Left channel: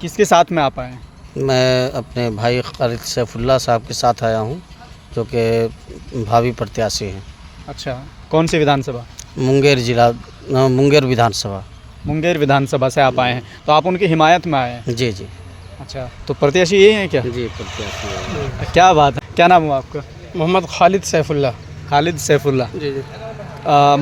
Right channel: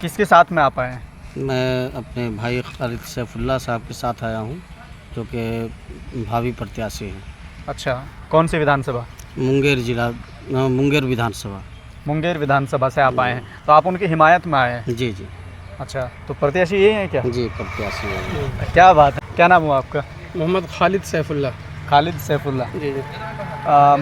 किसके साथ में आप आए हैं? मैं अपने भाई खालिद सैफुल्लाह साहब के साथ आया हूँ, जो कि भावी प्रत्याशी हैं। अच्छा, कौन सी विधानसभा? मुंगेर जिला, मुंगेर विधानसभा। मुंगेर विधानसभा से आप आए हैं, तो आप उनकी हिमायत में आए हैं? जी जी अच्छा, तो प्रत्याशी यही है क्या? जी, प्रत्याशी हैं। क्या बात है, क्या नाम हुआ आपका? मोहम्मद खालिद सैफुल्लाह। खालिद सैफुल्लाह। जी जी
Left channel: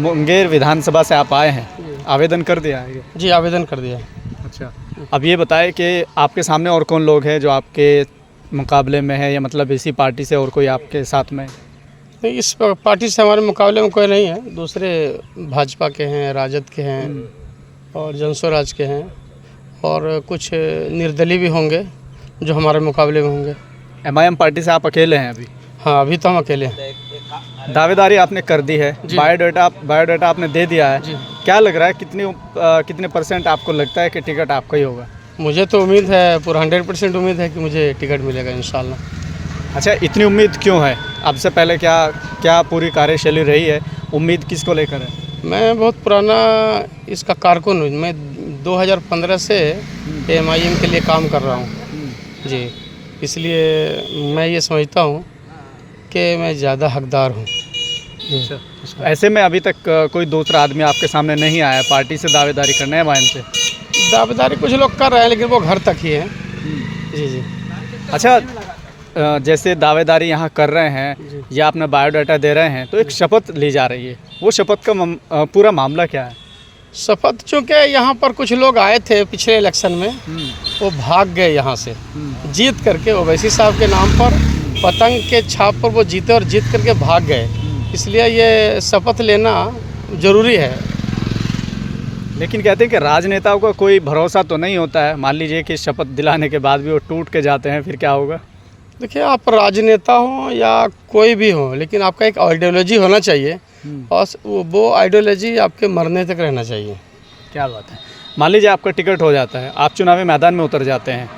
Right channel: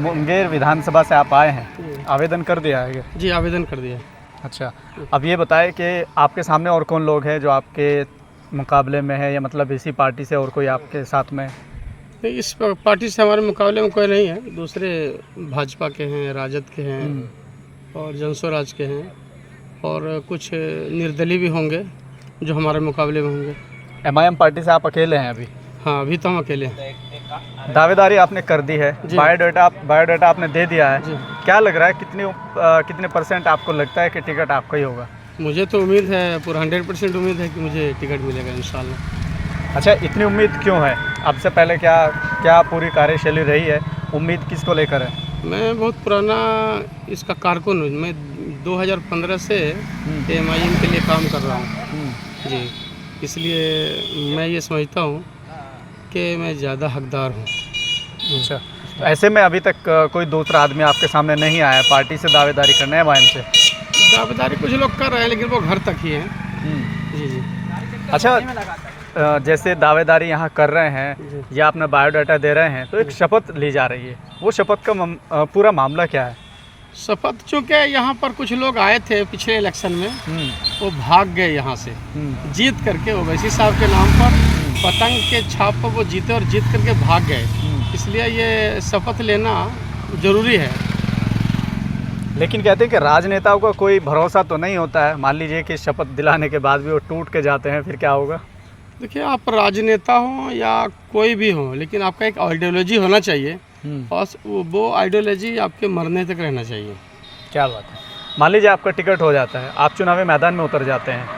मुंगेर विधानसभा से आप आए हैं, आवेदन कर दिया है? जी, आवेदन कर दिया। अच्छा, अब ये बताएं कि आपके सामने और कौन लोग हैं जो आपके मुकाबले में है, या मतलब इसी पार्टी से और कोई आपके साथ में है? नहीं, इस पार्टी से हमारे मुकाबले में कोई नहीं है। दूसरे भाजपा के हैं, राजद के हैं और जनस्वराज के हैं, और कुछ निर्दलीय भी होंगे जो हमारे मुकाबले में होंगे। MIM पार्टी से आप अकेले हैं अभी? हाँ, अभी तो हम अकेले हैं। दावेदारी आपने कर दी है, जी। बायोडाटा आपने दे दिया है। जी। क्या लग रहा है, कितने परसेंट आपको लगता है कि टिकट आपका ही होगा? मुझे तो उम्मीद है, पूरा 100% उम्मीद है कि मुझे टिकट मिलेगा इंशाल्लाह। अच्छा, इतनी उम्मीद क्यों है? अब से पहले क्या पूरी कार्यशैली रही है? उम्मीद किसको लेकर है? मैं बहुत पुराना इसका कारकुन हूँ। मैं 2015 से MIM के लिए काम कर रहा हूँ जी, इसलिए मैं ये समझता हूँ कि मैं ज़्यादा हकदार हूँ। अच्छा, ऐसे में अभी तक कोई दूसरा आदमी आपके सामने नहीं आया पार्टी से दावेदारी करने MIM से? दावेदारी कुछ लोग कर रहे हैं, लेकिन वो घर तक ही है। जी जी। अच्छा, जैसे दावेदारी यहाँ कर रहे हैं या अपना बायोडाटा दे रहे हैं, तो एक शपथ ली जा रही है, वो शपथ का पूरा मामला क्या है? शपथ, चूँकि यहाँ पर कुछ लोग आए थे पिछले इलेक्शन में, वो भाग गए यहाँ से जीत करके। ओवैसी साहब के नाम पर पतंग के छाप पर वो जीते और जीत करके भाग गए, इसलिए ये शपथ लेना ज़रूरी है। लेकिन कहते हैं कि राजनेताओं का कोई भरोसा तो नहीं होता है। मान लीजिए कि शपथ दिलाने के बाद भी वो टूट के जाते हैं, फिर क्या होगा? देखिए, आप राजनेता हो या कोई भी हो, लेकिन आपका एक आइडियोलॉजी होना चाहिए, और वो आइडियोलॉजी आपके मरने तक रहना चाहिए। क्या बात है। मान लीजिए आपका टिकट हो जाता है, आप चुनावी मैदान में उतर जाते हैं,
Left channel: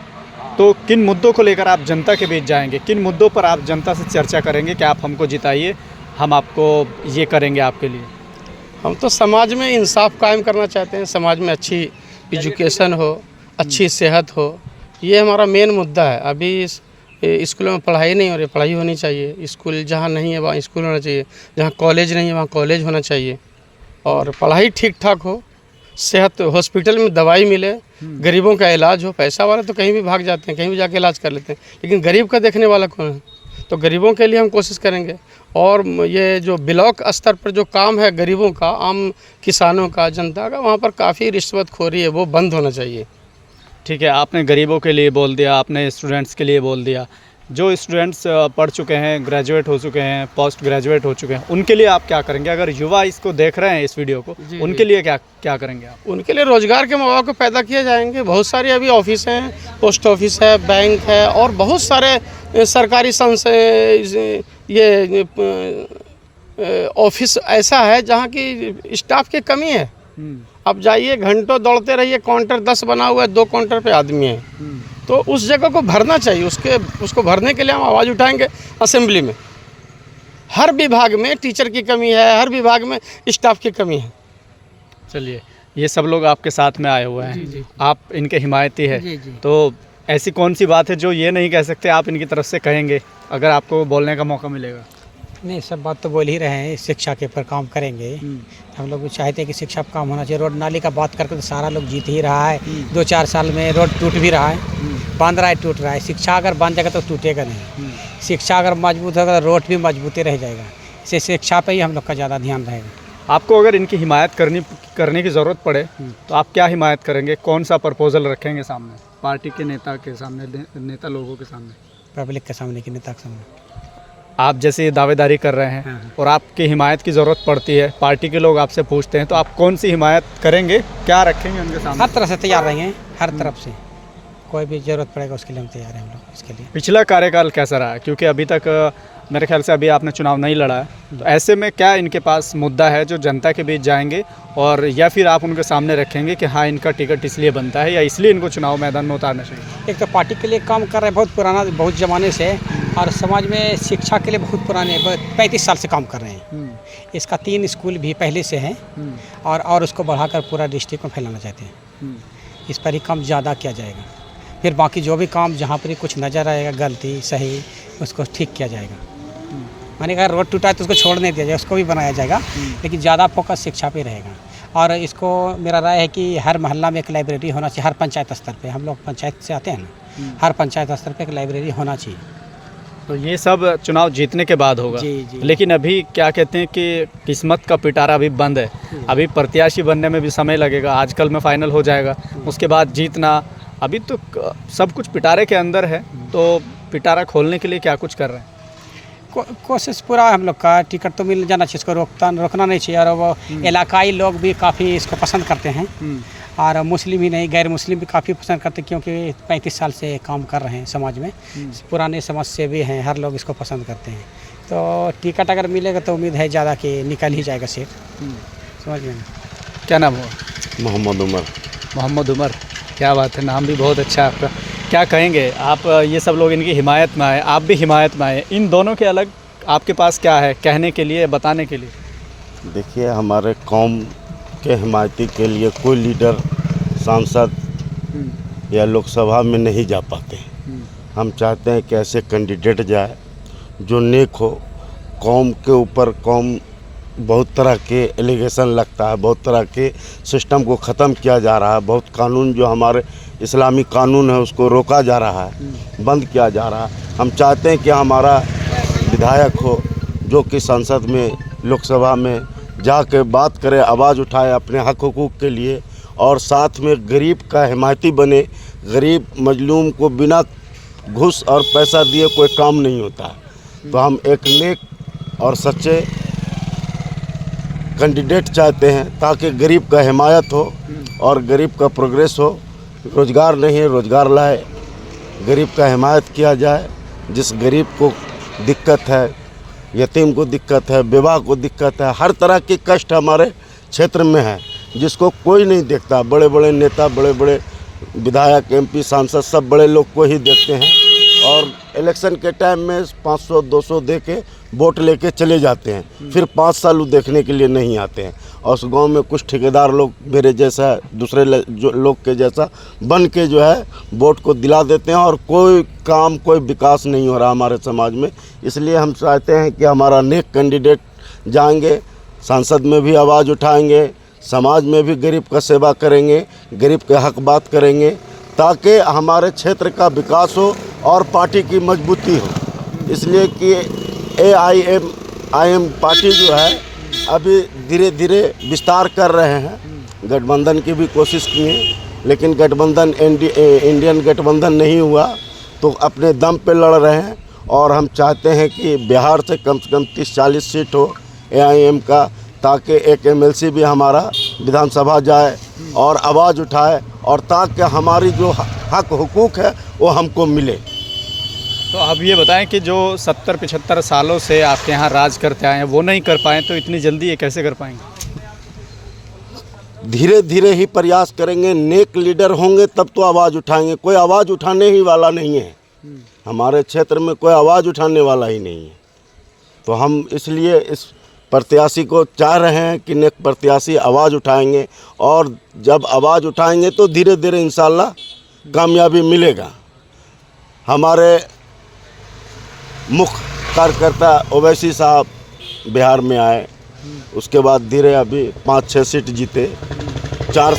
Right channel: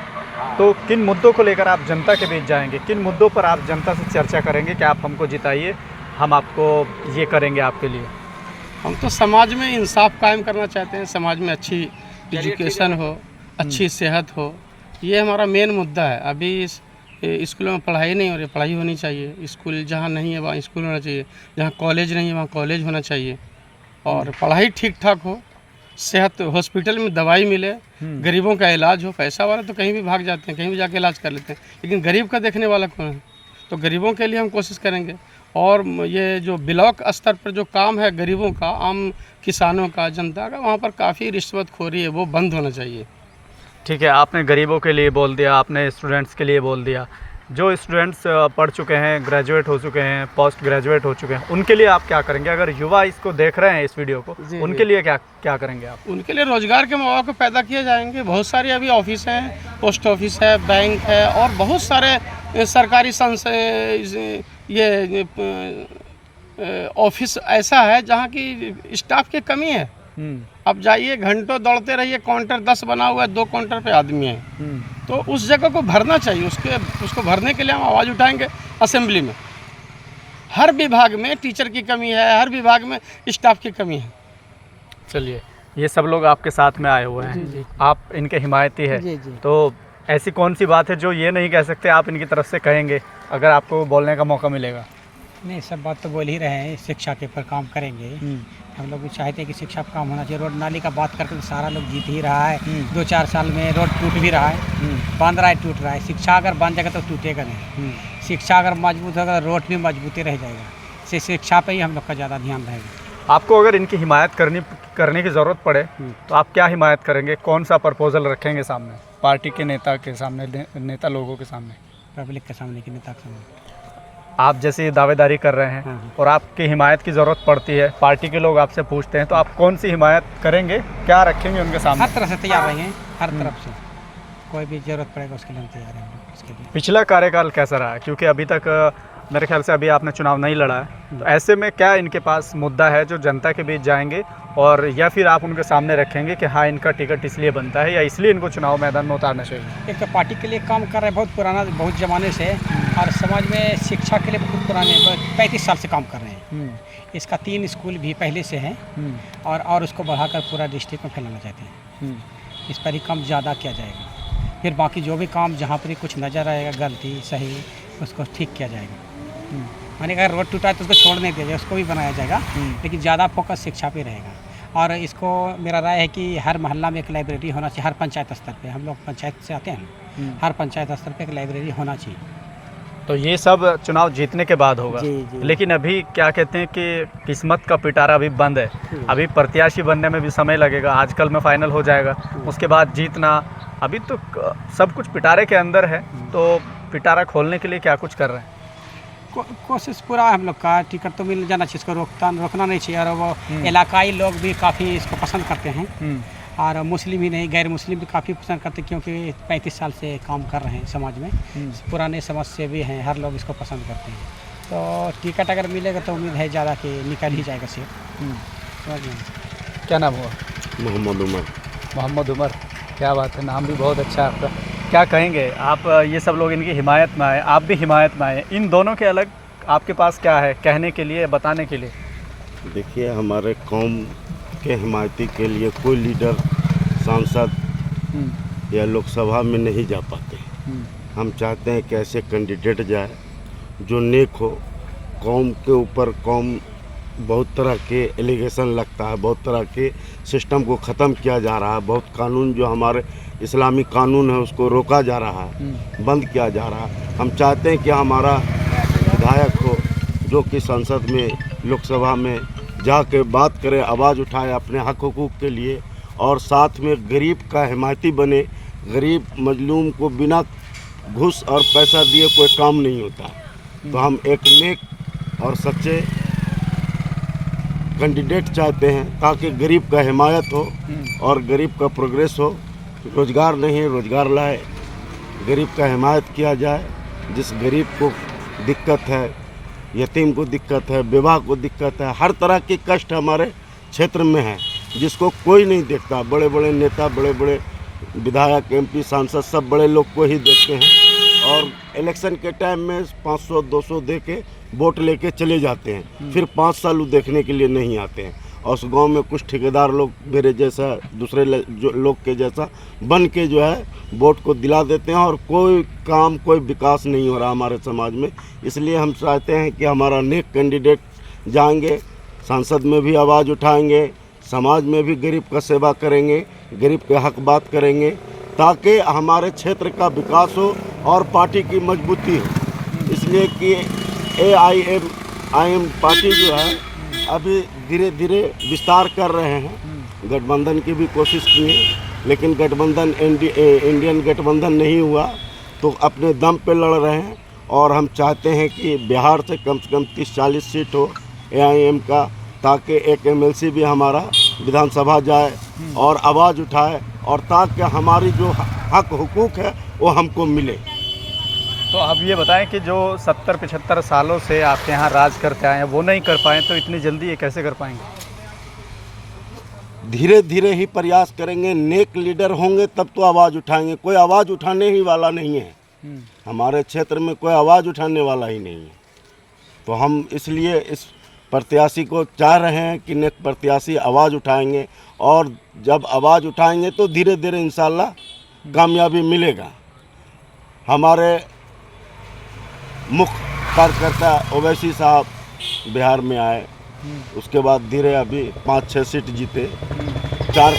तो किन मुद्दों को लेकर आप जनता के बीच जाएंगे? किन मुद्दों पर आप जनता से चर्चा करेंगे कि आप हमको जिताइए, हम आपको ये करेंगे आपके लिए? हम तो समाज में इंसाफ कायम करना चाहते हैं, समाज में अच्छी एजुकेशन हो, अच्छी सेहत हो, ये हमारा मेन मुद्दा है। अभी स्कूलों में पढ़ाई नहीं हो रही, पढ़ाई होनी चाहिए। स्कूल जहाँ नहीं है वहाँ स्कूल होना चाहिए, जहाँ कॉलेज नहीं है वहाँ कॉलेज होना चाहिए, और पढ़ाई ठीक ठाक हो, सेहत, हॉस्पिटल में दवाई मिले, गरीबों का इलाज हो। पैसा वाले तो कहीं भी भाग जाते हैं, कहीं भी जाके इलाज कर लेते हैं, लेकिन गरीब का देखने वाला कौन है? तो गरीबों के लिए हम कोशिश करेंगे। और ये जो ब्लॉक स्तर पर जो काम है गरीबों का, आम किसानों का, जनता का, वहाँ पर काफ़ी रिश्वतखोरी है, वो बंद होना चाहिए। ठीक है, आपने गरीबों के लिए बोल दिया, आपने स्टूडेंट्स के लिए बोल दिया। जो स्टूडेंट्स पढ़ चुके हैं, ग्रेजुएट हो चुके हैं, पोस्ट ग्रेजुएट हो चुके हैं, उनके लिए आप क्या करेंगे? अगर युवा इसको देख रहे हैं, इस वीडियो को, उनके लिए क्या करेंगे आप? उनके लिए रोज़गार के मौके पैदा किए जाएंगे। बहुत सारे अभी ऑफिस हैं, पोस्ट ऑफिस है, बैंक है, और बहुत सारे सरकारी ये ऑफिस ऐसा है जहाँ की स्टाफ की कमी है। अब जाइए, घंटों दौड़ते रहिए, काउंटर 10 बना हुआ है, 2 काउंटर पे आदमी है, तो उस जगह को भरना चाहिए। उसको भरने के लिए हम आवाज़ उठाएंगे असेंबली में। हर विभाग में टीचर की कमी है, हर विभाग में स्टाफ की कमी है। चलिए, ये सब लोग आपके साथ में आए हुए हैं। जी। आप इनके हिमायती है, जी। तो ऐसी कौन सी बात है जो ये नहीं कह सकते, आप इनकी तरफ से कहेंगे अगर आपको बोलने का मौका मिलेगा? नहीं, सब बात तो बोल ही रहे हैं, शिक्षा के ऊपर काम करेंगे। हम लोग भी चाहते हैं कि शिक्षा पर काम होना चाहिए। रोड नाली का बात करके तो सारा लोग जीत ही रहा है। 2-4 साल में रोड टूट भी रहा है, बन रहा है, टूट रहा है। शिक्षा अगर बन जाएगा तो टूटेगा नहीं। शिक्षा अगर मजबूत होगा तो रोड भी मजबूती रह जाएगा। इससे शिक्षा पे ही हम लोग का ज़्यादा ध्यान रहेगा। आपको अगर इनकी हिमायत करने की ज़रूरत पड़े तो आप क्या हिमायत करेंगे? कौन सा प्रपोजल रखेंगे सामने, पार्टी के नेता के सामने, नेता लोगों के सामने, पब्लिक के सामने, कि नेता के सामने? आप जैसे दावेदारी कर रहे हैं और आपकी हिमायत की ज़रूरत पड़ती है, पार्टी के लोग आपसे पूछते हैं, तो आप कौन सी हिमायत करेंगे, क्या रखेंगे उनके सामने? हर तरह से तैयार रहेंगे, हर तरफ से कोई भी ज़रूरत पड़ेगा उसके लिए हम तैयार हैं। हम लोग इसके लिए। पिछला कार्यकाल कैसा रहा? क्योंकि अभी तक मेरे ख्याल से अभी आपने चुनाव नहीं लड़ा है, तो ऐसे में क्या इनके पास मुद्दा है जो जनता के बीच जाएंगे, और या फिर आप उनके सामने रखेंगे कि हाँ, इनका टिकट इसलिए बनता है या इसलिए इनको चुनाव मैदान में उतारना चाहिए? एक तो पार्टी के लिए काम कर रहे हैं बहुत पुराना, बहुत ज़माने से, और समाज में शिक्षा के लिए बहुत पुराने, 35 साल से काम कर रहे हैं। इसका 3 स्कूल भी पहले से हैं, और उसको बढ़ाकर पूरा डिस्ट्रिक्ट में फैलाना चाहते हैं। इस पर ही काम ज़्यादा किया जाएगा। फिर बाकी जो भी काम जहाँ पर कुछ नज़र आएगा गलती सही उसको ठीक किया जाएगा। माने अगर रोड टूटा है तो उसको छोड़ नहीं दिया जाए, उसको भी बनाया जाएगा, लेकिन ज़्यादा फोकस शिक्षा पे रहेगा। और इसको मेरा राय है कि हर मोहल्ला में एक लाइब्रेरी होना चाहिए, हर पंचायत स्तर पे। हम लोग पंचायत से आते हैं ना, हर पंचायत स्तर पे एक लाइब्रेरी होना चाहिए। तो ये सब चुनाव जीतने के बाद होगा। जी जी। लेकिन अभी क्या कहते हैं कि किस्मत का पिटारा अभी बंद है, अभी प्रत्याशी बनने में भी समय लगेगा, आजकल में फाइनल हो जाएगा, उसके बाद जीतना, अभी तो सब कुछ पिटारे के अंदर है। तो पिटारा खोलने के लिए क्या कुछ कर रहे हैं? कोशिश पूरा हम लोग का, टिकट तो मिल जाना चाहिए, इसको रोकना नहीं चाहिए। और वो इलाकाई लोग भी काफ़ी इसको पसंद करते हैं, और मुस्लिम ही नहीं गैर मुस्लिम भी काफ़ी पसंद करते हैं, क्योंकि 35 साल से काम कर रहे हैं समाज में, पुराने समाज से भी हैं, हर लोग इसको पसंद करते हैं। तो टिकट अगर मिलेगा तो उम्मीद है ज़्यादा कि निकल ही जाएगा सीट। समझ में? क्या नाम हुआ? मोहम्मद उमर। मोहम्मद उमर, क्या बात है, नाम भी बहुत अच्छा है आपका। क्या कहेंगे आप? ये सब लोग इनकी हिमायत में आए, आप भी हिमायत में आए, इन दोनों के अलग आपके पास क्या है कहने के लिए, बताने के लिए? देखिए, हमारे कौम के हिमायती के लिए कोई लीडर, सांसद या लोकसभा में नहीं जा पाते। हम चाहते हैं कि ऐसे कैंडिडेट जाए जो नेक हो। कौम के ऊपर बहुत तरह के एलिगेशन लगता है, बहुत तरह के सिस्टम को ख़त्म किया जा रहा है, बहुत कानून जो हमारे इस्लामी कानून है उसको रोका जा रहा है, बंद किया जा रहा है। हम चाहते हैं कि हमारा विधायक हो जो कि संसद में, लोकसभा में जाकर बात करे, आवाज़ उठाए अपने हक हुकूक के लिए, और साथ में गरीब का हिमायती बने। गरीब मजलूम को बिना घूस और पैसा दिए कोई काम नहीं होता। तो हम एक नेक और सच्चे कैंडिडेट चाहते हैं ताकि गरीब का हिमायत हो और गरीब का प्रोग्रेस हो। रोज़गार नहीं है, रोज़गार लाए, गरीब का हिमायत किया जाए। जिस गरीब को दिक्कत है, यतीम को दिक्कत है, विवाह को दिक्कत है, हर तरह की कष्ट हमारे क्षेत्र में है जिसको कोई नहीं देखता। बड़े बड़े नेता, बड़े बड़े विधायक, एमपी, सांसद सब बड़े लोग को ही देखते हैं, और इलेक्शन के टाइम में 500-200 दे के वोट लेके चले जाते हैं, फिर 5 साल वो देखने के लिए नहीं आते हैं। और उस गांव में कुछ ठेकेदार लोग मेरे जैसा, दूसरे जो लोग के जैसा बन के जो है वोट को दिला देते हैं, और कोई काम, कोई विकास नहीं हो रहा हमारे समाज में। इसलिए हम चाहते हैं कि हमारा नेक कैंडिडेट जाएंगे, संसद में भी आवाज़ उठाएंगे, समाज में भी गरीब का सेवा करेंगे, गरीब के हक बात करेंगे, ताकि हमारे क्षेत्र का विकास हो और पार्टी की मजबूती हो। इसलिए कि AIM पार्टी जो है अभी धीरे धीरे विस्तार कर रहे हैं। गठबंधन की भी कोशिश किए, लेकिन गठबंधन इंडियन गठबंधन नहीं हुआ, तो अपने दम पे लड़ रहे हैं। और हम चाहते हैं कि बिहार से कम 30-40 सीट हो AIM का, ताकि एक MLC भी हमारा विधानसभा जाए और आवाज़ उठाए, और ताकि हमारी जो हक हुकूक है वो हमको मिले। तो अब ये बताएं कि जो 70-75 सालों से आपके यहाँ राज करते आए हैं वो नहीं कर पाए, तो इतनी जल्दी ये कैसे कर पाएंगे? धीरे धीरे ही प्रयास करेंगे। नेक लीडर होंगे तब तो आवाज़ उठाएंगे। कोई आवाज़ उठाने ही वाला नहीं है हमारे क्षेत्र में, कोई आवाज़ उठाने वाला ही नहीं है। तो हम इसलिए इस प्रत्याशी को चाह रहे हैं कि नेक प्रत्याशी आवाज़ उठाएंगे, और जब आवाज़ उठाएंगे तो धीरे धीरे इंशाल्लाह कामयाबी मिलेगा। हमारे मुख्य कार्यकर्ता ओवैसी साहब बिहार में आए, उसके बाद धीरे अभी 5-6 सीट जीते, 4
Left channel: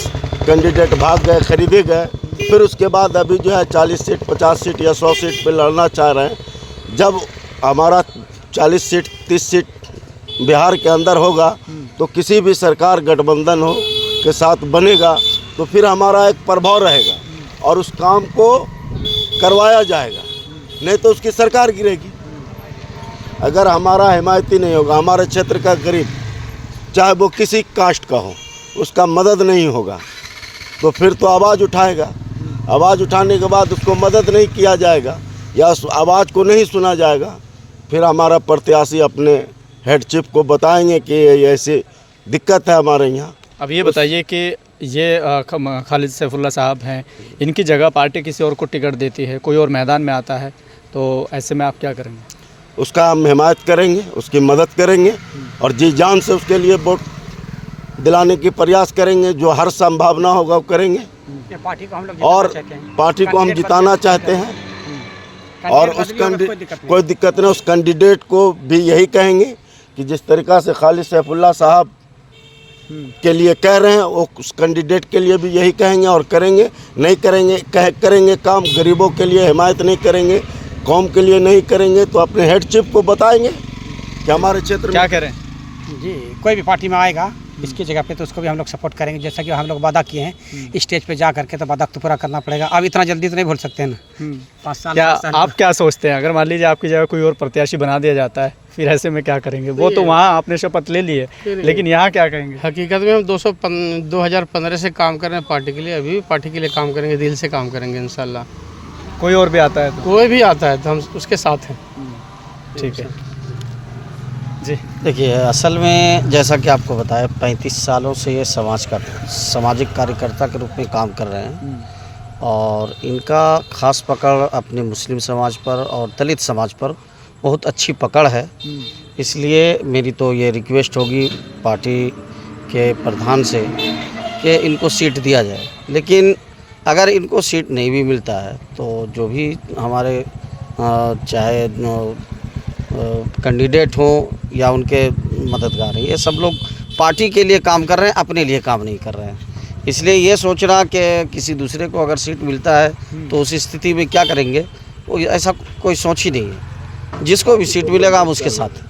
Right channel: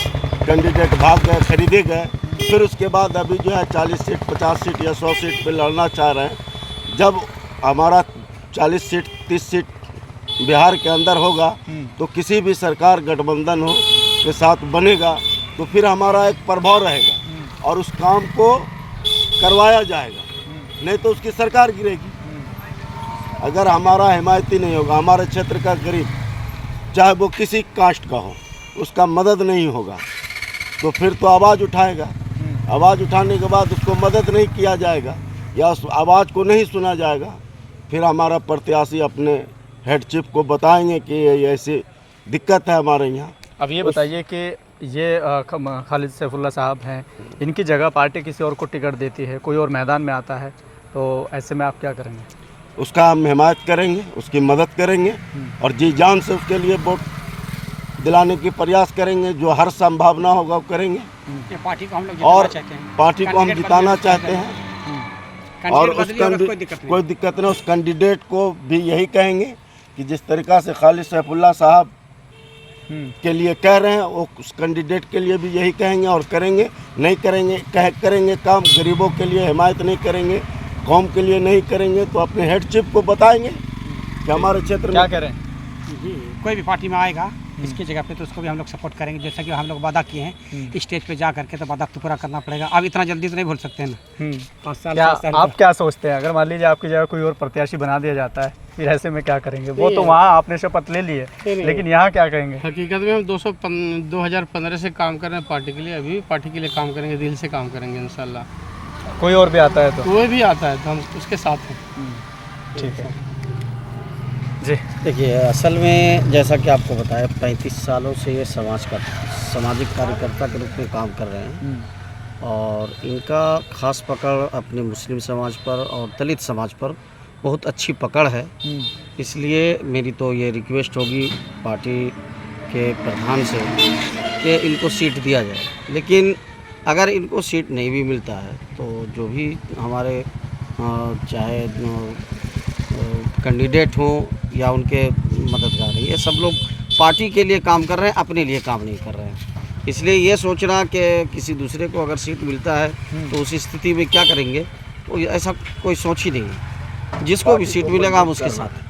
कैंडिडेट भाग गए, खरीदे गए, फिर उसके बाद अभी जो है 40 सीट, 50 सीट या 100 सीट पे लड़ना चाह रहे हैं। जब हमारा 40 सीट, 30 सीट बिहार के अंदर होगा तो किसी भी सरकार गठबंधन हो के साथ बनेगा, तो फिर हमारा एक प्रभाव रहेगा और उस काम को करवाया जाएगा, नहीं तो उसकी सरकार गिरेगी। अगर हमारा हिमायती नहीं होगा, हमारे क्षेत्र का गरीब, चाहे वो किसी कास्ट का हो, उसका मदद नहीं होगा, तो फिर तो आवाज़ उठाएगा। आवाज़ उठाने के बाद उसको मदद नहीं किया जाएगा या उस आवाज़ को नहीं सुना जाएगा, फिर हमारा प्रत्याशी अपने हेड चीफ को बताएंगे कि ऐसी दिक्कत है हमारे यहाँ। अब ये बताइए कि ये खालिद सैफुल्लाह साहब हैं, इनकी जगह पार्टी किसी और को टिकट देती है, कोई और मैदान में आता है, तो ऐसे में आप क्या करेंगे? उसका हम हिमायत करेंगे, उसकी मदद करेंगे और जी जान से उसके लिए वोट दिलाने की प्रयास करेंगे, जो हर संभावना होगा वो करेंगे ये पार्टी को हम लोग और जिताना चाहते हैं। पार्टी को हम कैंडिडेट जिताना बदले चाहते हैं। और उस कैंडिडेट बदले होगा, कोई दिक्कत नहीं। कोई दिक्कत नहीं, उस कैंडिडेट को भी यही कहेंगे कि जिस तरीक़ा से खालिद सैफुल्लाह साहब के लिए कह रहे हैं वो उस कैंडिडेट के लिए भी यही कहेंगे और करेंगे। नहीं करेंगे करेंगे काम, गरीबों के लिए हिमायत नहीं करेंगे, कौम के लिए नहीं करेंगे, तो अपने हेड चीफ को बताएंगे कि हमारे क्षेत्र क्या में करें? जी, कोई भी पार्टी में आएगा इसकी जगह पे तो उसको भी हम लोग सपोर्ट करेंगे। जैसा कि हम लोग वादा किए हैं स्टेज पे जा करके, तो वादा तो पूरा करना पड़ेगा। अब इतना जल्दी तो नहीं भूल सकते हैं ना। 5 साल क्या 7 साल आप क्या सोचते हैं, अगर मान लीजिए आपकी जगह कोई और प्रत्याशी बना दिया जाता है, फिर ऐसे में क्या करेंगे? वो तो वहाँ आपने शपथ ले ली है, लेकिन यहाँ क्या करेंगे? हकीकत में हम 2015 से काम कर रहे हैं पार्टी के लिए, अभी भी पार्टी के लिए काम करेंगे, दिल से काम करेंगे इंशाल्लाह। कोई और भी आता है तो कोई भी आता है तो हम उसके साथ हैं। ठीक है जी। देखिए, असल में जैसा कि आपको बताया 35 सालों से ये सामाजिक कार्यकर्ता के रूप में काम कर रहे हैं और इनका खास पकड़ अपने मुस्लिम समाज पर और दलित समाज पर बहुत अच्छी पकड़ है। इसलिए मेरी तो ये रिक्वेस्ट होगी पार्टी के प्रधान से कि इनको सीट दिया जाए। लेकिन अगर इनको सीट नहीं भी मिलता है तो जो भी हमारे चाहे कैंडिडेट हों या उनके मददगार हैं, ये सब लोग पार्टी के लिए काम कर रहे हैं, अपने लिए काम नहीं कर रहे हैं। इसलिए ये सोचना कि किसी दूसरे को अगर सीट मिलता है तो उस स्थिति में क्या करेंगे, वो ऐसा कोई सोच ही नहीं है। जिसको भी सीट मिलेगा हम उसके साथ हैं।